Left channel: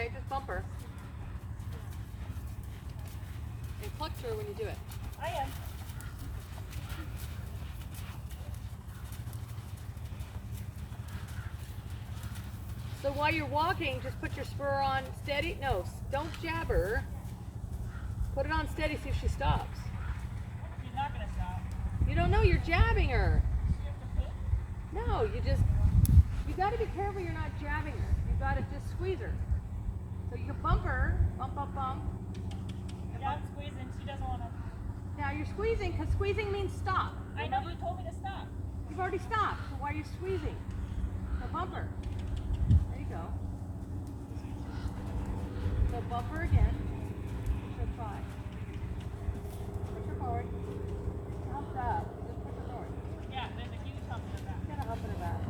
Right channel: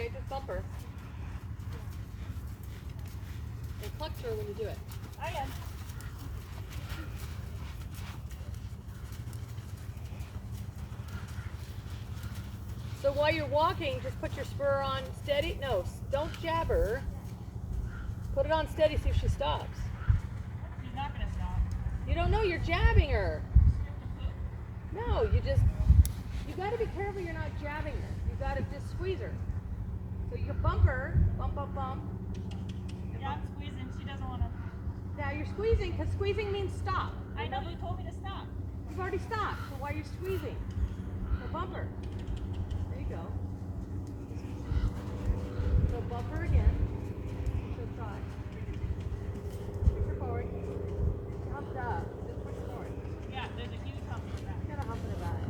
okay, just bump her. And clutch her when you do it. I am. So while you're walking, just put your spur on steady. No, don't jab her. Put it on steady, see if she stops. She's not going to stop. You don't know, you're jabbing her. No, you got to be careful you're not jabbing her. You got to just squeeze her. So you can bump her, bump, bump, bump. Yeah, I'm squeezing. She doesn't want to. Now you're squeezing, because squeezing means stop. I know, you told me to stop. You've already stopped, so why are you squeezing? So bump her. There you go. So bump her again. She'll try. Push her forward. Humped up. Just push her forward. Yeah, there's a huge hump in her back. Got a hump in her back.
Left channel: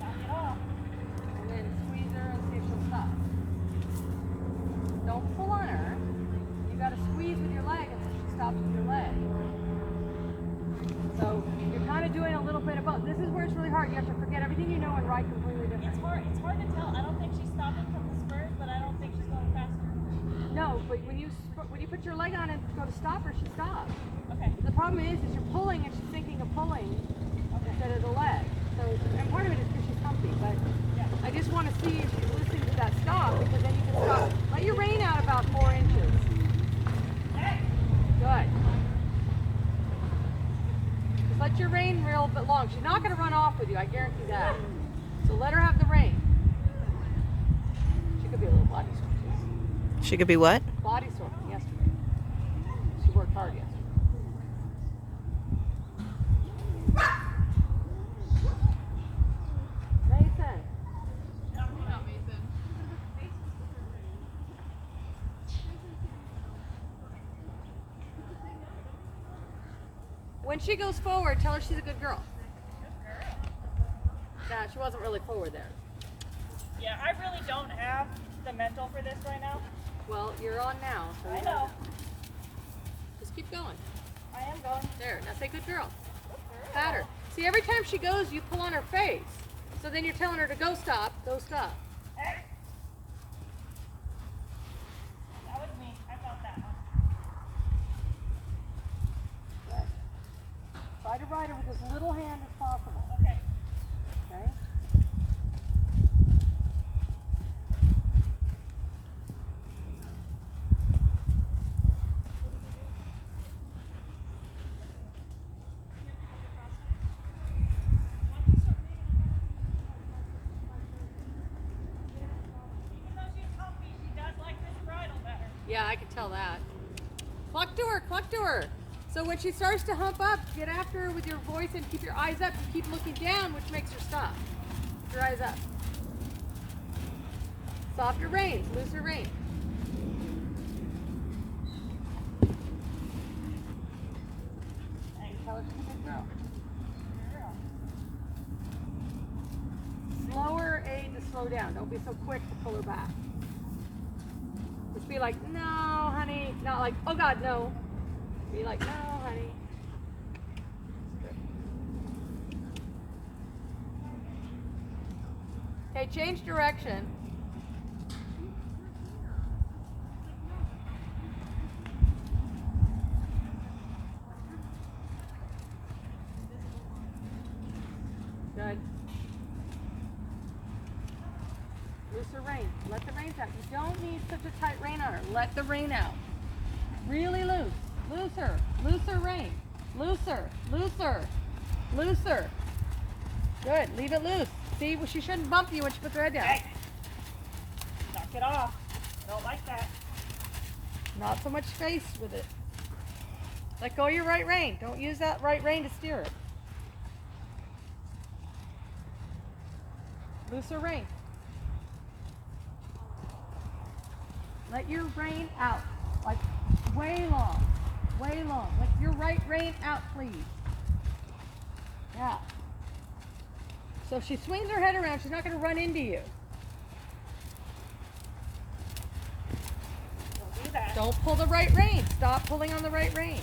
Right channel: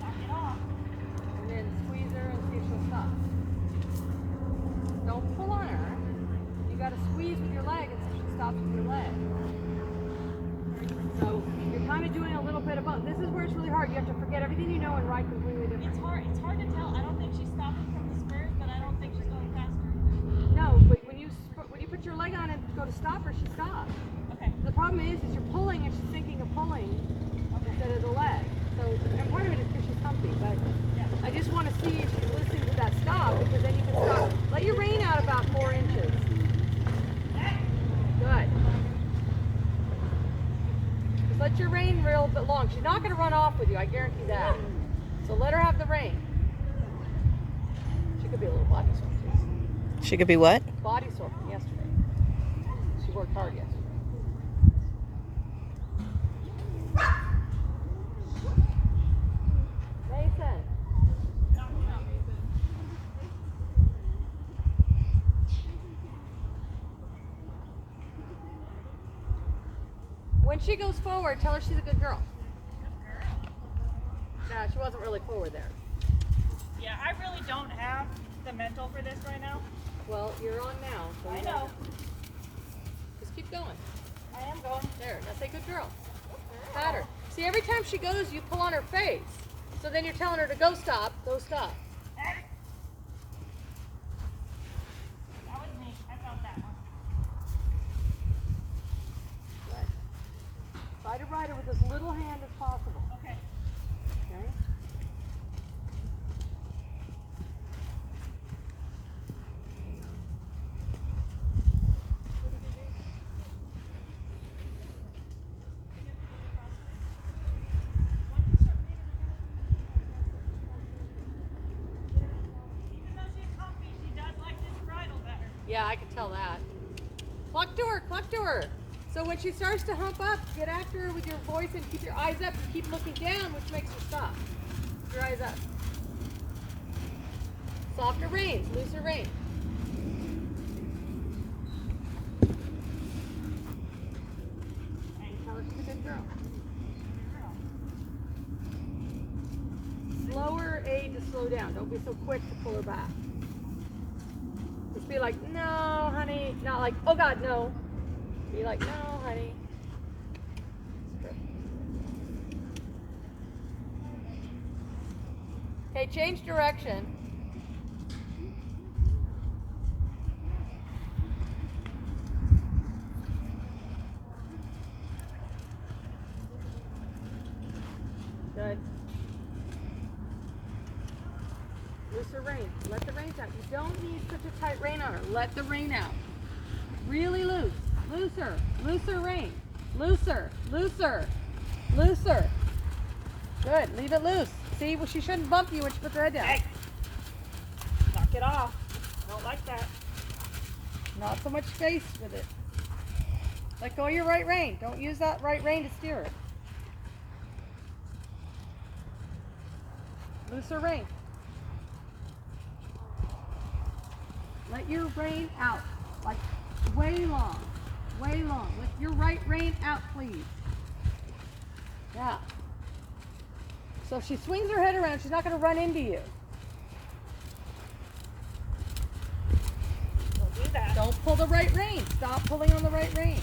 Knock it off. And then squeeze her and see if she'll stop. Don't pull on her. You got to squeeze with your leg until she stops with your leg. So you're kind of doing a little bit of both. This is where it's really hard. You have to forget everything you know and ride completely different. It's hard to tell. I don't think she's stopping from the spurs, but I don't think she's going faster. No, but when you put your leg on and go to stop her, she stops. Okay. The problem is you're pulling and she's thinking of pulling instead of the leg. So, and part of it is because she's humpy, but Yeah. I just want to see if she's listening to that stop, because then you can stop. Let your rein out about 4 inches. Good. Just let your rein real bit long. She's not going to run off with you, I guarantee that. So let her have the rein. She could be a little body sore. She could be what? Body sore from yesterday. She worked hard yesterday. Mason. Not Mason. When she goes forward, tell her she's a good girl. Good girl. Nah, she wasn't really forward there. Yeah, I really don't have the mental for this right now. Well, you're on now. So I you know. Just keep going. I am going. There. Now say good girl. Pat her. See, every time she goes, you pull on her face. So then you're telling her to go stop. Go stop. That was me. I felt that one. Good. Try to ride her with as little hand as possible. Okay. Okay? Even though she's humpy, she does like this bridle better. Yeah, I can tell that. Cluck to her, cluck to her. So when she starts to hump up, get after her with your voice and keep your eyes up and keep looking down, which makes her stop. Keep your eyes up. Softer reins, looser reins. And tell her she's a good girl. Slower aid to slow down. Don't be so quick to pull her back. Just be like, no, honey. Not like, oh God, no. Be like, no, honey. Okay, change direction. Good. Looser rein. Let the reins out. You don't need such a tight rein on her. Let the rein out. Really loose. Looser. Looser rein. Looser. Looser. Looser. Good. Leave it loose. See, well, she shouldn't bump you when she puts her head down. Hey. Knock it off. Don't like that. Not so much space with it. Let go of your right rein. Don't use that right rein to steer it. Looser rein. Let your rein out. Like way long. Way long. Let your right rein out, please. Yeah. So if she swings her head around, she's not going to run into you. We'll do that. Don't pull the right rein. Stop pulling on the right rein.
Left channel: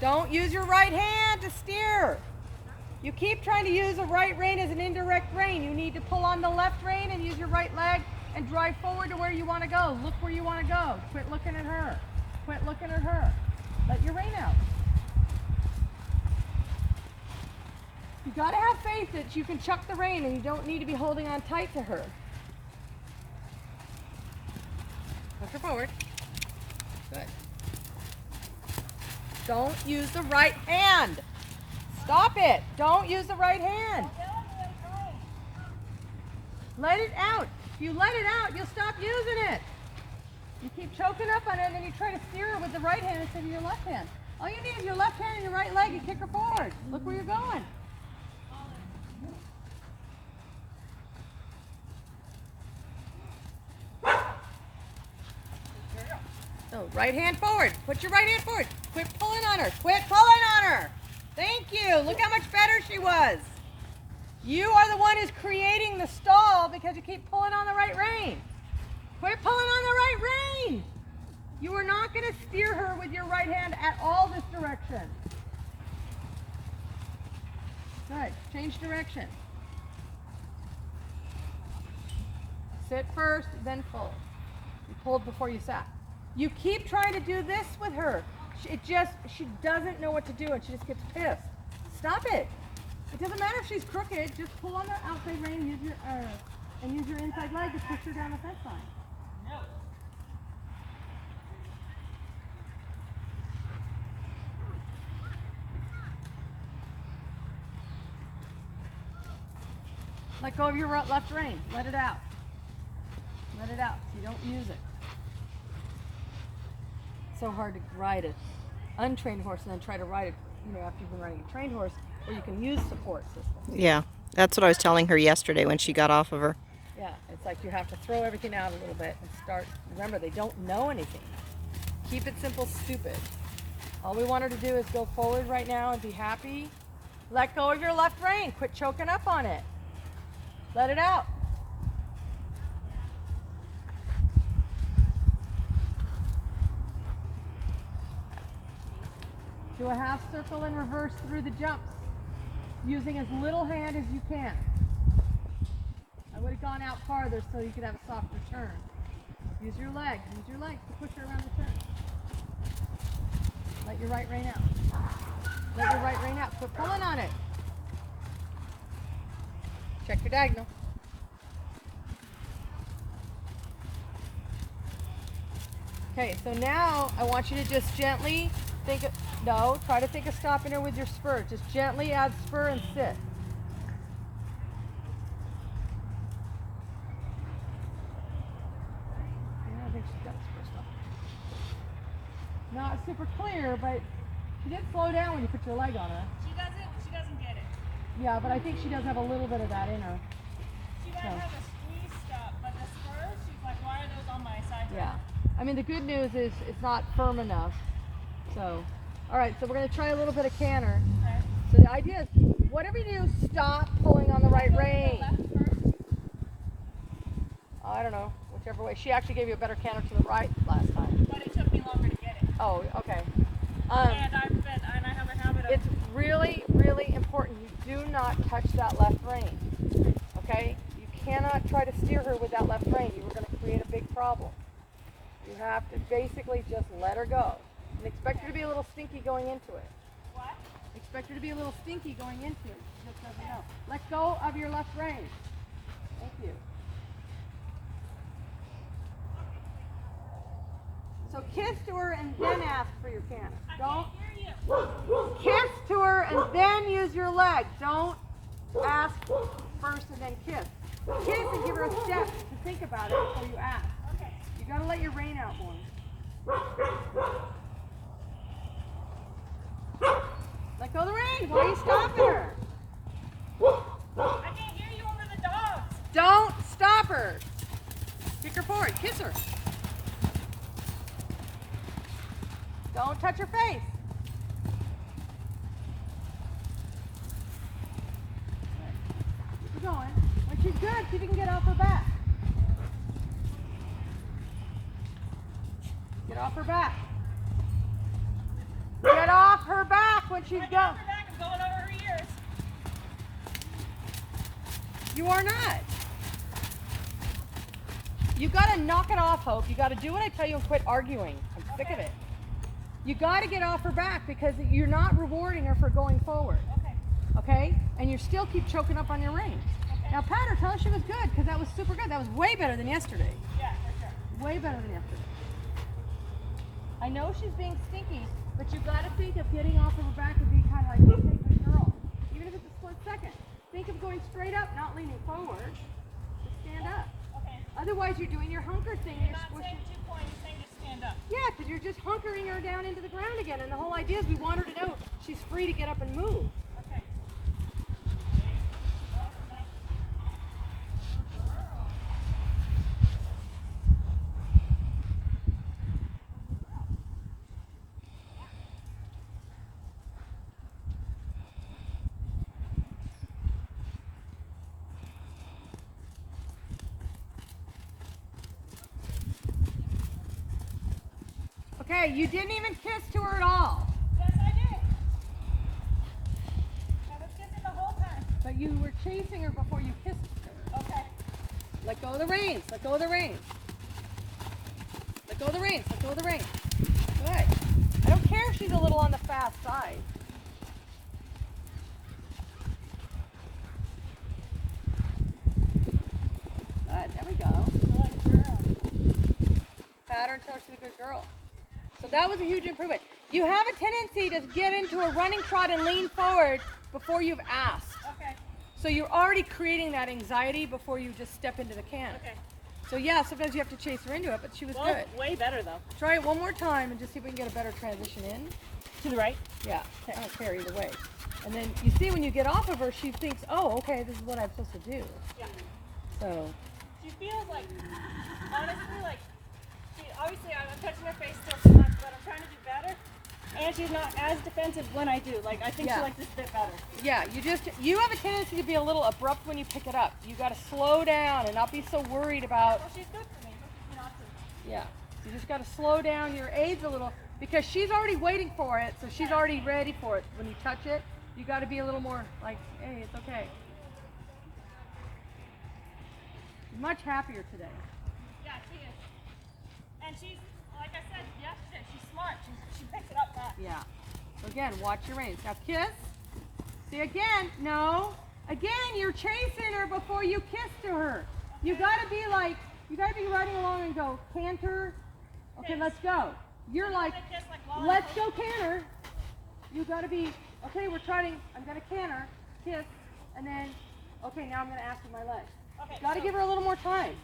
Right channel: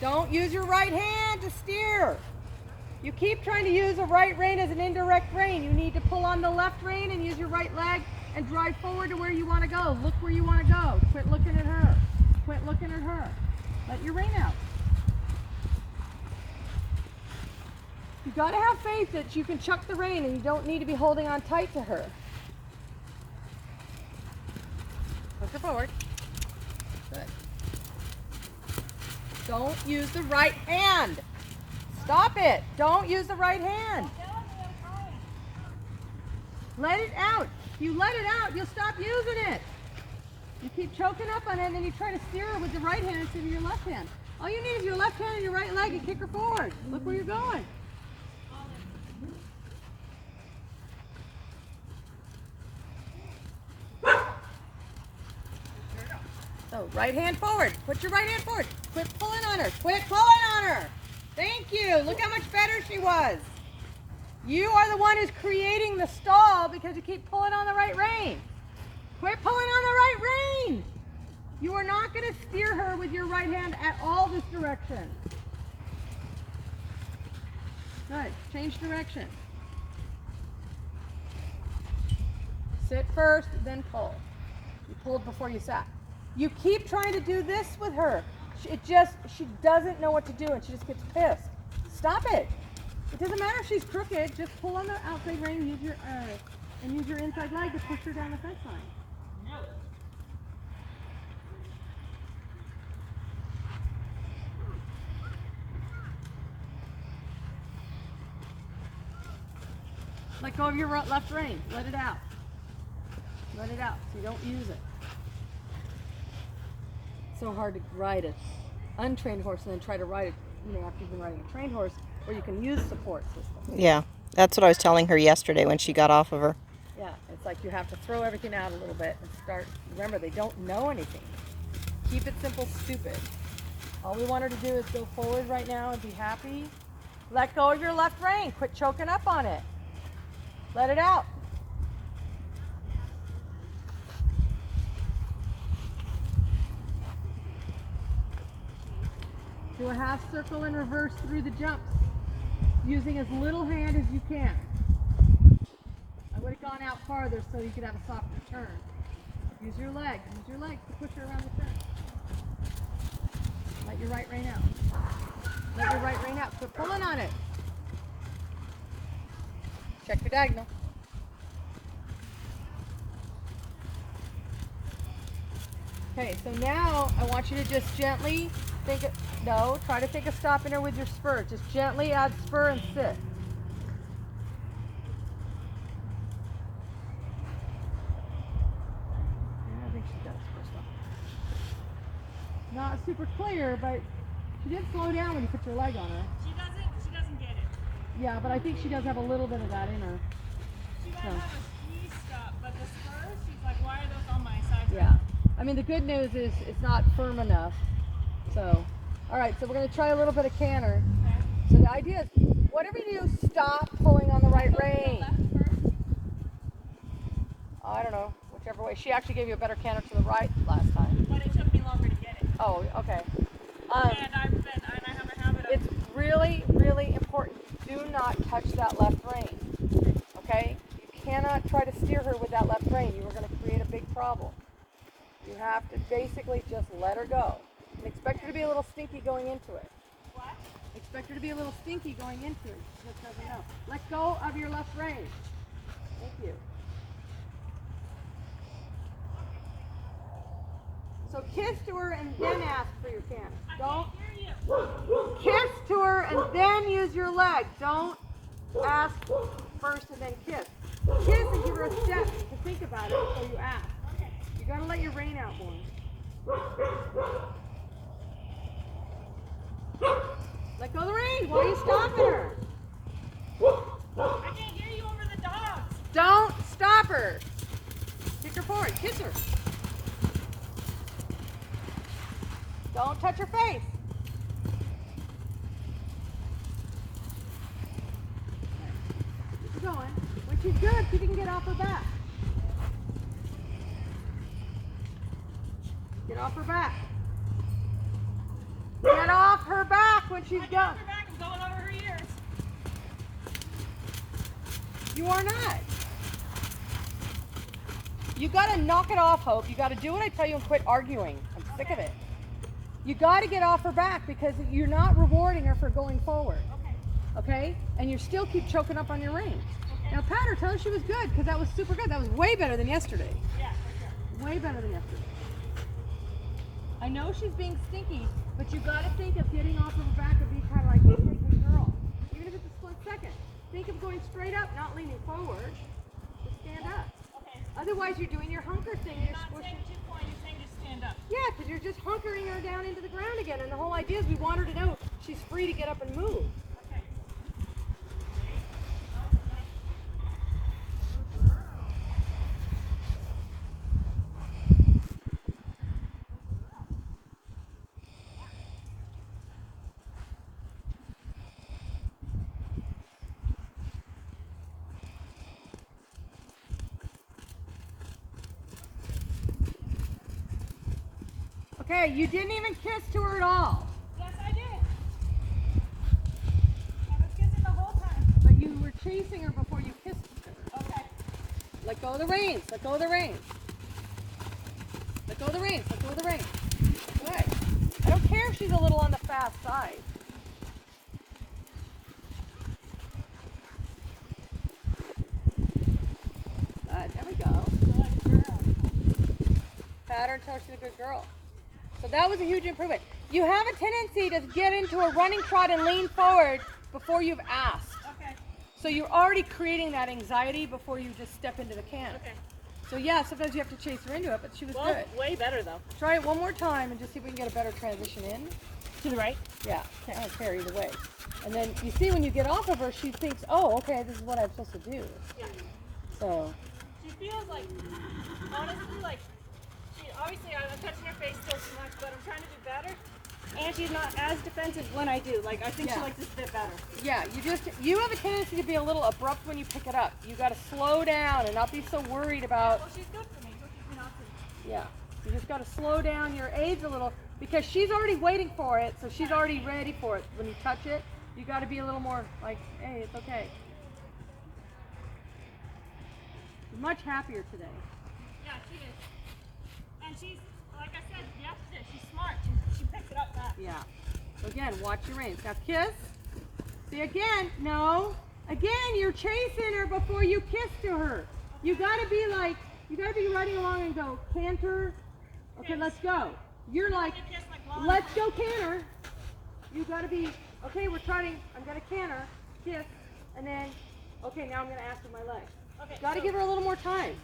Don't use your right hand to steer. You keep trying to use a right rein as an indirect rein. You need to pull on the left rein and use your right leg and drive forward to where you want to go. Look where you want to go. Quit looking at her. Quit looking at her. Let your rein out. You got to have faith that you can chuck the rein and you don't need to be holding on tight to her. Push her forward. Good. Don't use the right hand. Stop it. Don't use the right hand. Let it out. If you let it out, you'll stop using it. You keep choking up on it and then you try to steer her with the right hand instead of your left hand. All you need is your left hand and your right leg and kick her forward. Look where you're going. So right hand forward. Put your right hand forward. Quit pulling on her. Quit pulling on her. Thank you. Look how much better she was. You are the one who's creating the stall because you keep pulling on the right rein. Quit pulling on the right rein. You are not going to steer her with your right hand at all this direction. Good. Change direction. Sit first, then pull. You pulled before you sat. You keep trying to do this with her. She doesn't know what to do and she just gets pissed. Stop it. It doesn't matter if she's crooked. Just pull on the outside rein and use your inside leg to push her down the fence line. No. Let go of your left rein. Let it out. Let it out so you don't use it. It's so hard to ride an untrained horse and then try to ride it, after you've been riding a trained horse where you can use support systems. Yeah, that's what I was telling her yesterday when she got off of her. Yeah, it's like you have to throw everything out a little bit and start. Remember, they don't know anything. Keep it simple, stupid. All we want her to do is go forward right now and be happy. Let go of your left rein. Quit choking up on it. Let it out. Do a half circle in reverse through the jumps, using as little hand as you can. I would have gone out farther so you could have a softer turn. Use your legs to push her around the turn. Let your right rein out. Let your right rein out. Quit pulling on it. Check your diagonal. Okay, so now I want you to just gently try to think of stopping her with your spur. Just gently add spur and sit. Yeah, I think she's got a spur stop. Not super clear, but she did slow down when you put your leg on her. She doesn't get it. Yeah, but I think she does have a little bit of that in her. She might have a squeeze stop, but the spurs, she's like, why are those on my side? Yeah. I mean, the good news is it's not firm enough. So, all right, so we're going to try a little bit of canter. Okay. So the idea is, whatever you do, stop pulling on the right rein. Left first. I don't know, whichever way. She actually gave you a better canter to the right last time. But it took me longer to get it. Oh, okay. And I have a habit of... It's really, really important. You do not touch that left rein, okay? You cannot try to steer her with that left rein. You are going to create a big problem. You have to basically just let her go. And expect her to be a little stinky going into it. What? Expect her to be a little stinky going into it. She just doesn't know. Let go of your left rein. Thank you. So kiss to her and then ask for your canter. Don't I can't hear you. kiss to her and then use your leg. Don't ask first and then kiss. Kiss and give her a step to think about it before you ask. Okay. You gotta let your rein out more. Let go of the rein. Why are you stopping her? I can't hear you over the dogs. Don't stop her. Kick her forward. Kiss her. Don't touch her face. Keep going. When she's good, see if you can get off her back. Get off her back. Get off her back when she's I done. got her back. I'm going over her ears. You are not. You gotta knock it off, Hope. You gotta do what I tell you and quit arguing. I'm sick of it. You gotta get off her back because you're not rewarding her for going forward. Okay. Okay? And you still keep choking up on your reins. Okay. Now pat her, tell her she was good because that was super good. That was way better than yesterday. Yeah, for sure. Way better than yesterday. I know she's being stinky, but you gotta think of getting off of her back and being kind of like, okay, good girl. Even if it's a split second. Think of going straight up, not leaning forward. Just stand up. Okay. Otherwise, you're doing your hunker thing. You're You're not squishing. saying 2 points, you're saying just stand up. Yeah, because you're just hunkering her down into the ground again. And the whole idea is we want her to know she's free to get up and move. Okay. Okay, you didn't even kiss to her at all. Yes, I did. I was kissing the whole time. But you were chasing her before you kissed her. Okay. Let go of the reins. Let go of the reins. Let go of the reins. Let go of the reins. Good. I don't care if she's a little on the fast side. Good. There we go. Good girl. Pat her until she's a good girl. So that was a huge improvement. You have a tendency to get into a running trot and lean forward before you've asked. Okay. So you're already creating that anxiety before you just step into the can. Okay. So yeah, sometimes you have to chase her into it, but she was good. Way better though. Try it one more time and just see if we can get a better transition in. To the right. Yeah, I don't care either way. And then you see when you get off of her, she thinks, oh, okay, this is what I'm supposed to do. Yeah. So, She feels like, honestly, like, obviously I'm touching her face still too much, but I'm trying to do better. And she's not as defensive when I do. Like, I think Yeah. she likes this bit better. yeah, you have a tendency to be a little abrupt when you pick it up. You got to slow down and not be so worried about, Well, she's good for me. She's me not to. yeah. You just got to slow down your aids a little because she's already waiting for it, so she's already ready for it. When you touch it, you got to be a little more like, hey, it's okay. She's much happier today. Yeah, she is. And she's, like I said yesterday, she's smart. She picks it up fast. Yeah. So again, watch your reins. Now kiss. See again. No. Again, you're chasing her before you kiss to her. You gotta be like, you gotta be riding along and go, canter. Okay, let's go. You're like, I'm gonna kiss like Mom. let's go canter. You gotta be, okay, we're trying, I'm gonna canter, kiss, and then, okay, now I'm gonna ask with my legs. Okay, Gotta so- give her a little more time.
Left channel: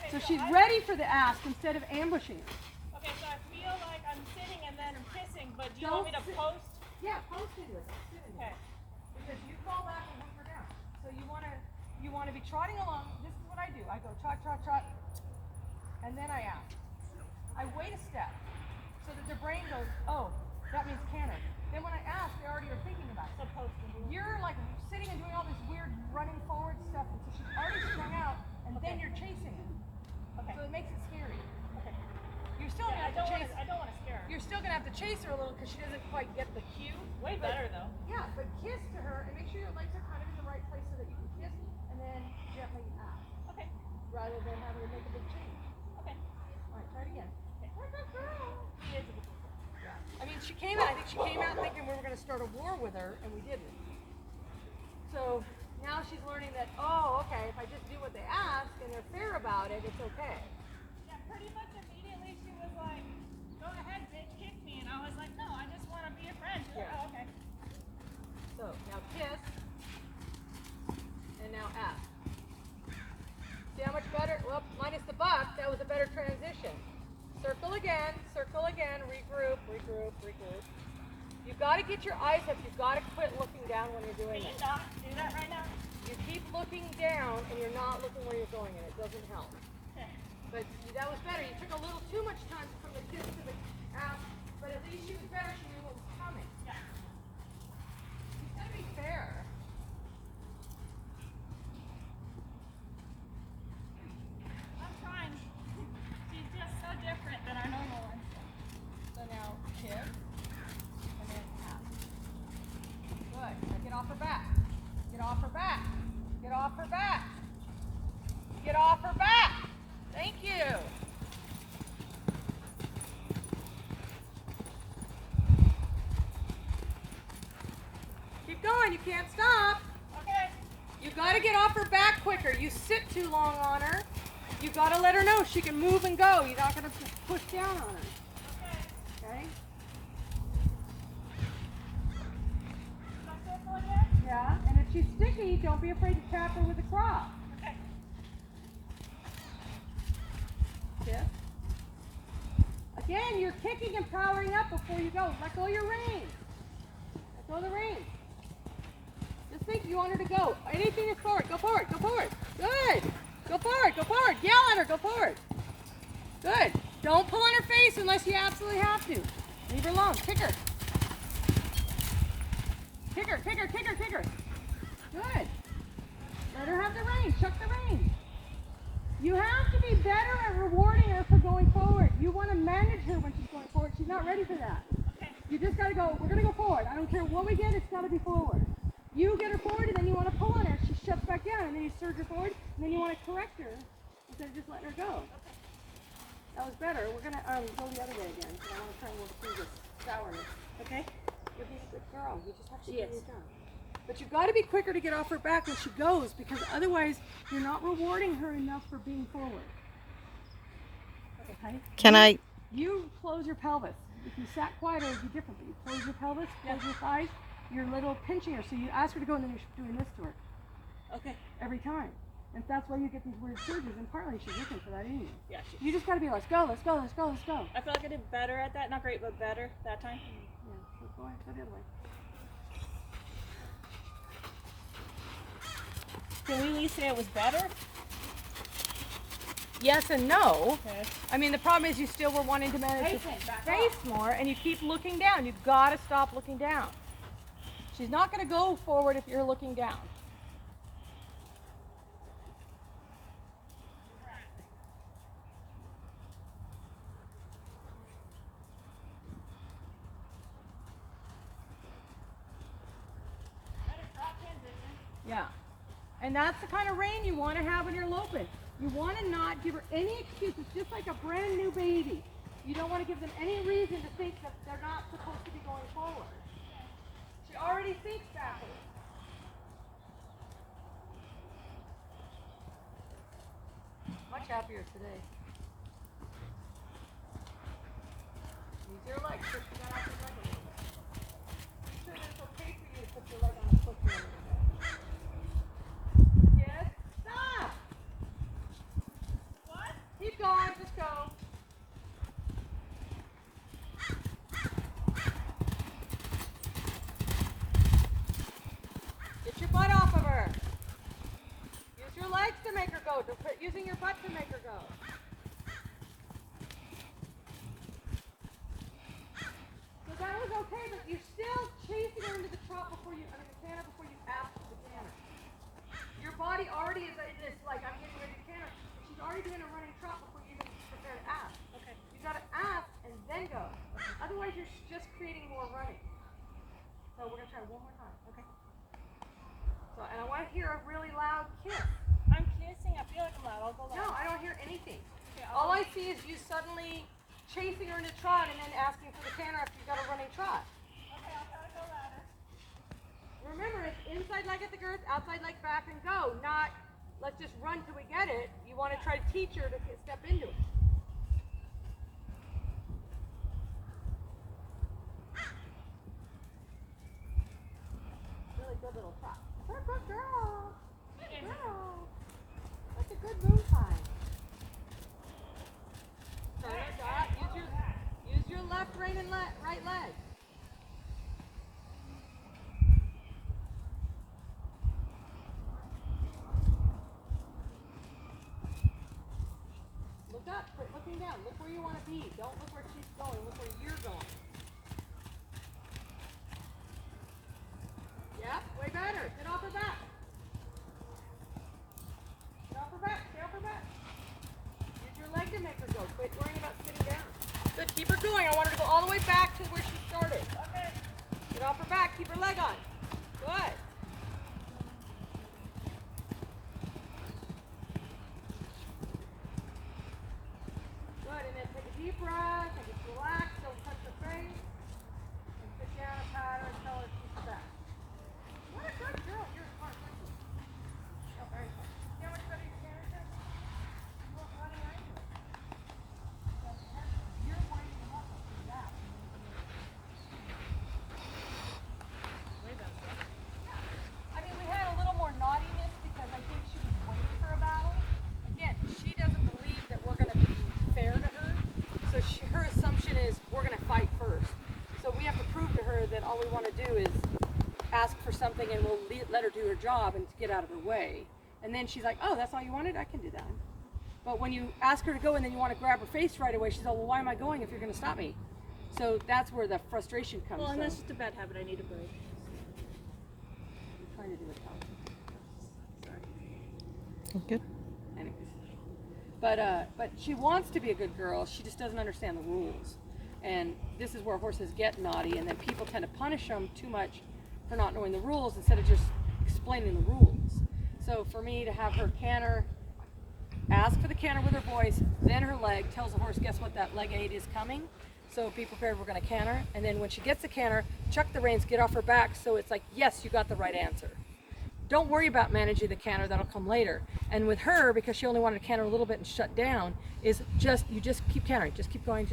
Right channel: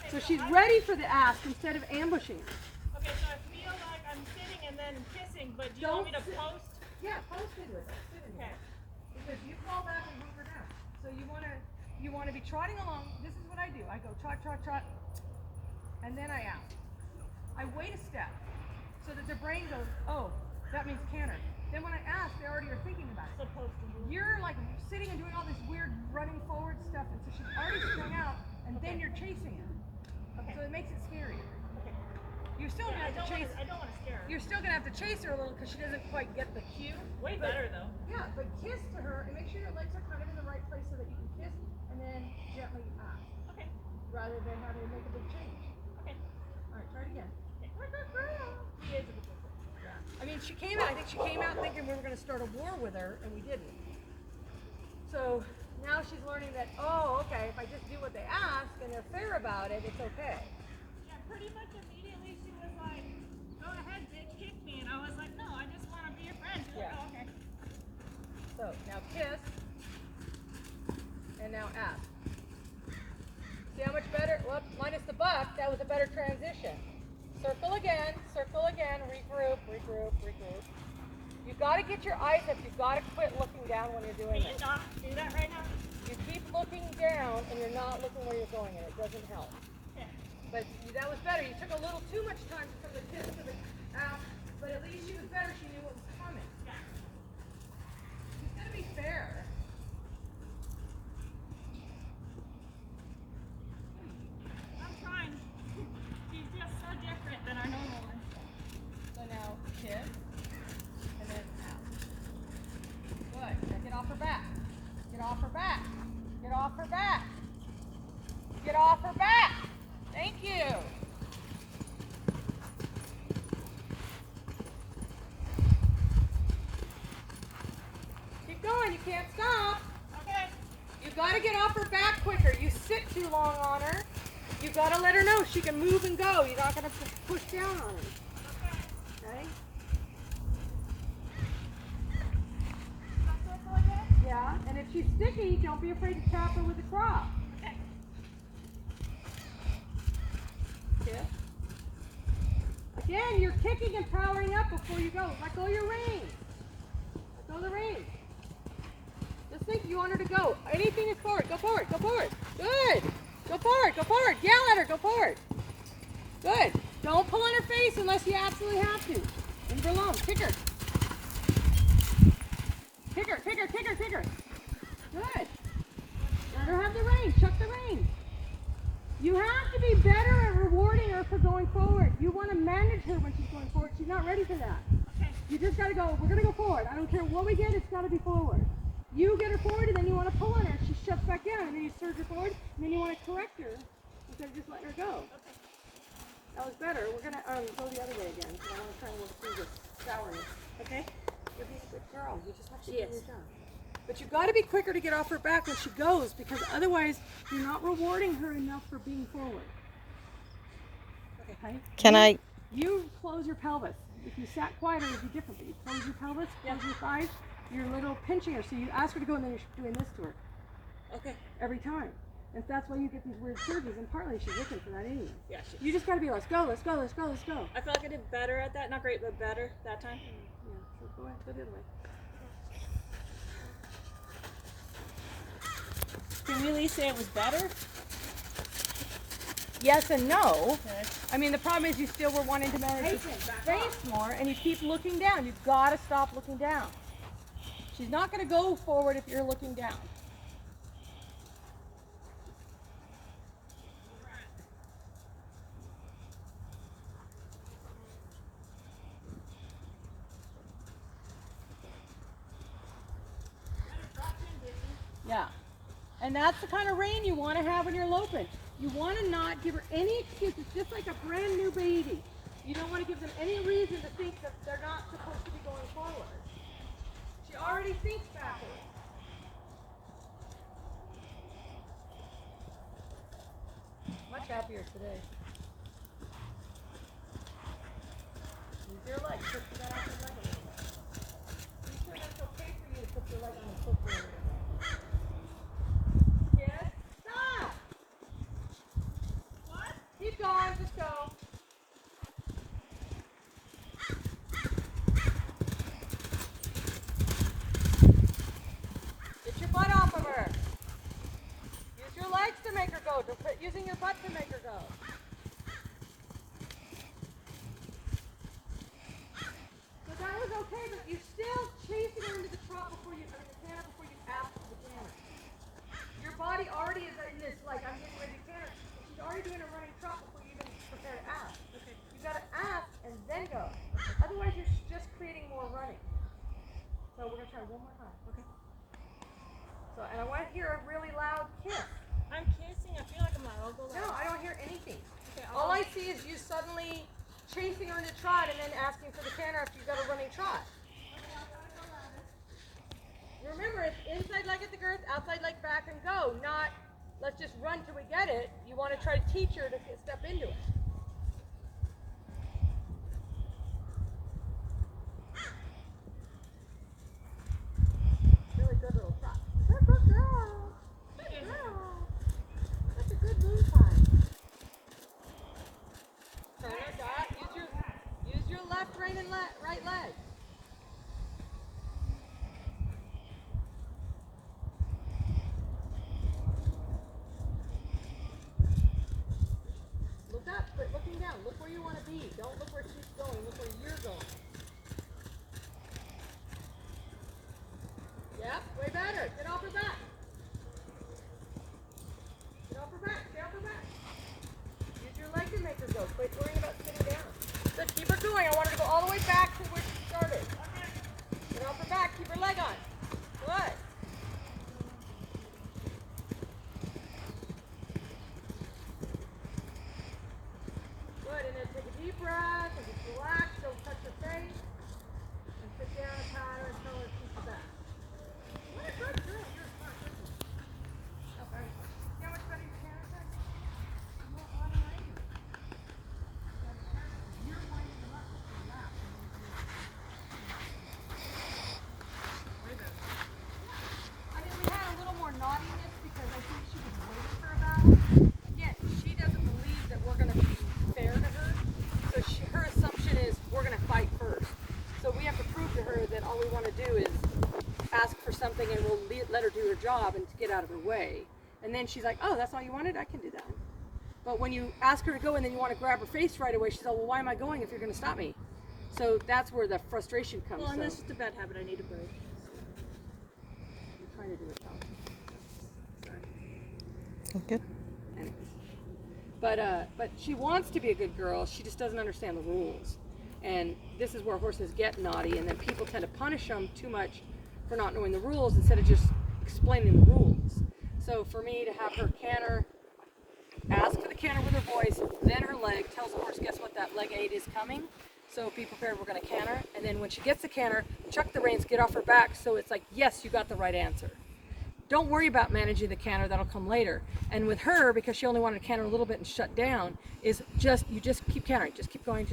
Okay, So she's I- ready for the ask instead of ambushing her. Okay, so I feel like I'm sitting and then I'm kissing, but do you Don't want me to sit. post? Yeah, post into it. Don't sit into Okay. it. Because you fall back and hunker down. So you wanna be trotting along. This is what I do. I go trot, trot, trot, and then I ask. I wait a step so that their brain goes, oh, that means canter. Then when I ask, they already are thinking about it. So posting. You're like sitting and doing all this weird running forward stuff, and so she's already strung out, and then Okay. you're chasing it. Okay. So it makes it scary. Okay. You're still Yeah, gonna have to chase. I don't want to scare her. You're still gonna have to chase her a little because she doesn't quite get the cue. Way But- better though. Yeah, but kiss to her and make sure your legs are kind of in the right place so that you can kiss and then gently ask Okay. rather than having to make a big change. Okay. All right, try it again. Good girl. She is a good girl. I mean, she came out. I think she came out thinking we were going to start a war with her, and we didn't. So now she's learning that, oh, okay, if I just do what they ask and they're fair about it, it's okay. Yeah, pretty much immediately she was like, go ahead, bitch, kick me. And I was like, no, I just want to be your friend. She's like, Yeah. oh, okay. So now kiss, and now ask. See how much better? Well, minus the buck, that was a better transition. Circle again, regroup, regroup, regroup. You've got to get your eyes up. You've got to quit looking down when you're doing Can it. you not do that right now? You keep looking down, and you're not looking where you're going, and it doesn't help. Okay. But that was better. You took a little too much time from the kiss to the ask, but at least she was better. She knew what was coming. Yeah. She's got to be fair. I'm trying. She's just so different than our normal ones. So now kiss, and then ask. Good. Now get off her back. Get off her back. Get off off her back. Get off her back. Thank you. Keep going. You can't stop. Okay. You got to get off her back quicker. You sit too long on her. You got to let her know she can move and go. You're not going to push down on her. Okay. Okay? Back circle again? Yeah. And if she's sticky, don't be afraid to tap her with a crop. Okay. Kick. Again, you're kicking and powering up before you go. Let go of your reins. Let go of the reins. Just think you want her to go. Anything is forward. Go forward. Go forward. Good. Go forward. Go forward. Yell at her. Go forward. Good. Don't pull on her face unless you absolutely have to. Leave her alone. Kick her. Kick her. Kick her. Kick her. Kick her. Good. Let her have the reins. Chuck the reins. You have to be better at rewarding her for going forward. You want to manage her when she's going forward. She's not ready for that. Okay. You just got to go, we're going to go forward. I don't care what we get, it's got to be forward. You get her forward and then you want to pull on her. She shuts back down and then you surge her forward and then you want to correct her instead of just letting her go. Okay. That was better. We're going to go the other way again because I want to try and work through this sourness. Okay. You're being a good girl. You just have to She do is. your job. But you've got to be quicker to get off her back when she goes because otherwise you're not rewarding her enough for being forward. Okay? Can I? You close your pelvis. If you sat quieter, it would be different. But you close your pelvis, close your thighs, you're a little pinching her. So you ask her to go and then you're doing this to her Okay. every time. And that's why you get these weird surges. And partly she's looking for that anyway. Yeah, You just got to be, let's go, let's go, let's go, let's go. I feel like I did better at that. Not great, but better that time. Yeah, so go ahead, go the other way. Can we at least say it was better? Yes and no. Okay. I mean, the problem is you still were wanting to manage the Facing, back face more, and you keep looking down. You've got to stop looking down. She's not going to go forward if you're looking down. Better drop transition. Yeah. And that's the kind of rein you want to have when you're loping. You want to not give her any excuse. It's just like a brand new baby. You don't want to give them any reason to think that they're not supposed to be going forward. She already thinks backwards. Much happier today. Use your legs. Push that out your leg a little bit. Be sure that it's okay for you to put your leg on the foot for a little bit. Yes. Stop. What? Keep going. Just go. Get your butt off of her. Use your legs to make her go. Don't quit using your butt to make her go. So that was okay, but you're still chasing her into the trot before you, the canter before you ask for the canter. Your body already is in this, like, I'm getting ready to canter. She's already doing a running trot before you even prepare to ask. Okay. You gotta ask and then go. Otherwise, you're just creating more running. So we're gonna try one more time. Okay. So, and I want to hear a really loud kiss. I'm kissing. I feel like I'm loud. I'll go loud. No, I don't hear anything. Okay, All I see is you suddenly chasing her in a trot and then asking for the canter after you've got a running trot. Okay, I gotta go louder. Remember, it's inside leg at the girth, outside leg back and go, not let's just run till we get it. You want to try to teach her to step into it. Really good little trot. Good girl. Good girl. That's a good moon time. Turn it back. Use your left rein and right leg. Look up, quit looking down. Look where you want to be. Don't look where she's going. Look where you're going. Yep, way better. Get off her back. Get off her back. Get off her back. Use your leg to make her go. Quit worrying about sitting down. Good. Keep her going. I want her to go all the way back to where she started. Okay. Get off her back. Keep her leg on. Good. all we want to do is ask for something and we'll let her do her job and get out of her way. And then she's like, oh, that's all you wanted? I can do that. But when you ask her to go and then you want to grab her face right away, she's like, well, why am I going if you're going to stop me? So that's where the frustration comes Well, and from. that's just a bad habit I need to break. I'm trying to do it, Tom. Sorry. Good. Anyways. But she wants to be a good girl. She just doesn't understand the rules. And this is where horses get naughty, and then people tend to punish them too much for not knowing the rules instead of just explaining the rules. So for me to have her canter, ask for the canter with her voice, then her leg, tells the horse, guess what, that leg aid is coming. So be prepared, we're going to canter. And then when she gets the canter, chuck the reins, get off her back, so it's like, yes, you got the right answer. Don't worry about managing the canter, that'll come later. And with her, because she only wanted to canter a little bit and shut down, is you just keep cantering, just keep going.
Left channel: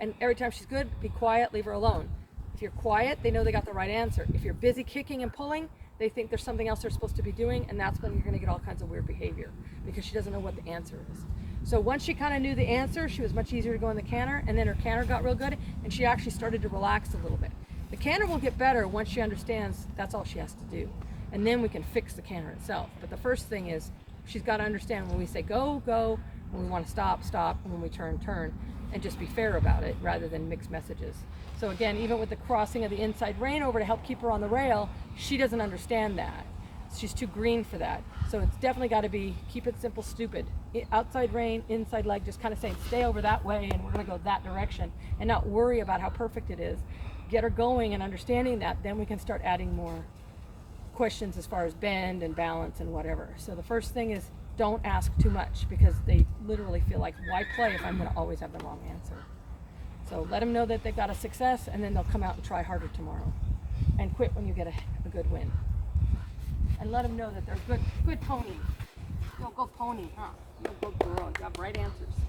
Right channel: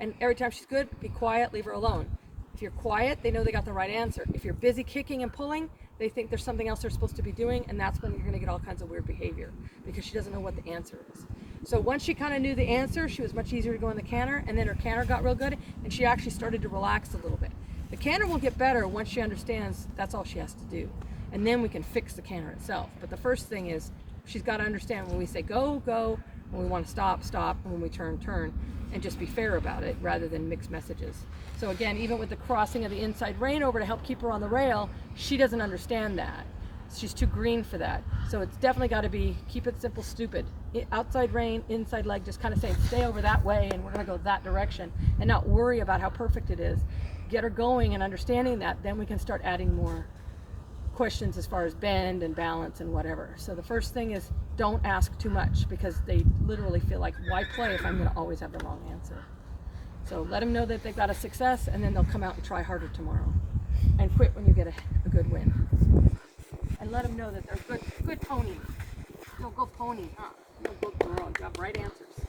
And every time she's good, be quiet, leave her alone. If you're quiet, they know they got the right answer. If you're busy kicking and pulling, they think there's something else they're supposed to be doing, and that's when you're going to get all kinds of weird behavior because she doesn't know what the answer is. So once she kind of knew the answer, she was much easier to go in the canter, and then her canter got real good, and she actually started to relax a little bit. The canter will get better once she understands that's all she has to do, and then we can fix the canter itself. But the first thing is she's got to understand when we say go, go, when we want to stop, stop, and when we turn, turn, and just be fair about it rather than mix messages. So again, even with the crossing of the inside rein over to help keep her on the rail, she doesn't understand that. She's too green for that. So it's definitely got to be keep it simple, stupid. Outside rein, inside leg, just kind of saying stay over that way and we're going to go that direction and not worry about how perfect it is. Get her going and understanding that, then we can start adding more questions as far as bend and balance and whatever. So the first thing is don't ask too much because they literally feel like, why play if I'm going to always have the wrong answer? So let them know that they've got a success, and then they'll come out and try harder tomorrow and quit when you get a good win. And let them know that they're good pony. No, go pony, huh? No, go girl. You have right answers.